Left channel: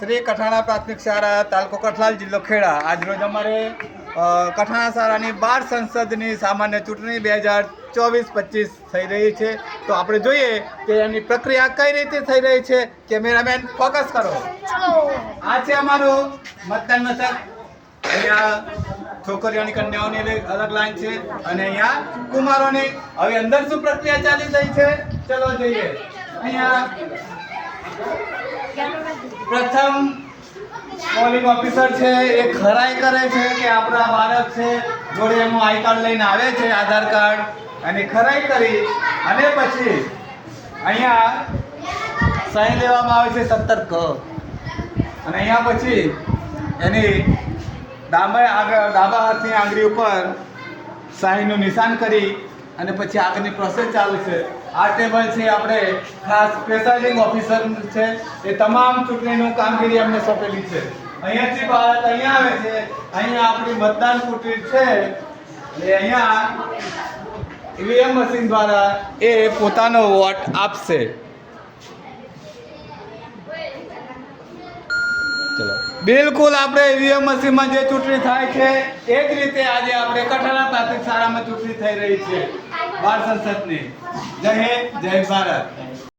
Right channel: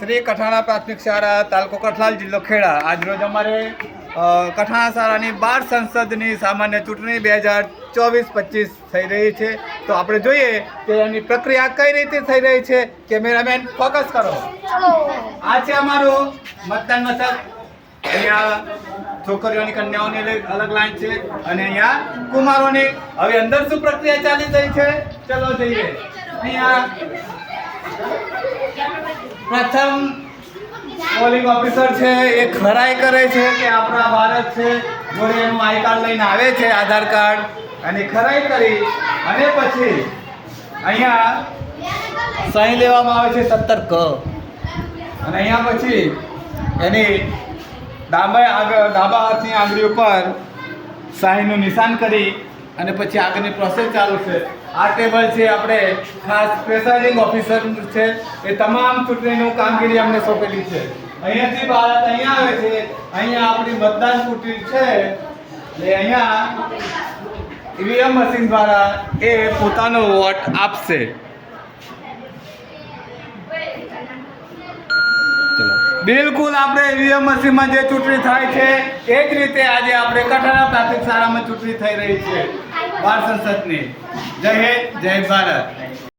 શ્રી કઠાણા પ્રાથમિક શાળા તાલુકો કઠલાલ જિલ્લો ખેડા આજરોજ અમારે કઠાણા શાળાની 12 સંસદની સામાન્ય ચૂંટણી 2024-25 થઈ રહી છે. તો આપણે જોઈએ કે એની પ્રક્રિયા કઈ રીતે થઈ રહી છે. કેમેરામેન ફોકસ કરો. આ છે અમારું મતદાન મથક. અહીંયા છોકરીઓની કન્યાઓની અલગ લાઈન છે અને અહીંયા કુમારોની. હવે અંદર શું પ્રક્રિયા ચાલી રહી છે ચલો જોઈએ. અહીંયા પ્રથમ પોલિંગ ઓફિસર છે એ ખરાઈ કરે છે કે આપણા ભારત છે, જોડે એનું આઈ કાર્ડ લઈને આવે છે, આધાર કાર્ડ, અને ખરાઈ કરી અને પછી અહીંયા સહી લેવામાં આવે છે 17 ક અને અહીંયા પછી એની ડાબા હાથની આંગળી ઉપર સહીનું નિશાન કરી અને પછી આગળની પ્રોસેસ ચાલુ છે. આ ટેબલ છે આપણે ખાસ પ્રિસાઇડિંગ ઓફિસર છે, એ તમામ ચૂંટણીનું કામગીરી અમને સોંપેલી છે. અહીંયાથી બાળક અહીંયા આવે છે, અહીંયા આપણી મતદાન કુટીર છે એટલે અહીંયા ઈવીએમ મશીન દ્વારા એ પોતાનો વોટ આપશે. બિલકુલ આપણે ઈવીએમ મશીનમાં જે ચૂંટણી થાય છે એ જ રીતે આજે આપણે કઠાણા પ્રાથમિક શાળામાં ચૂંટણી થઈ રહી છે 12 સંસદની. જય હિન્દ, જય ભારત.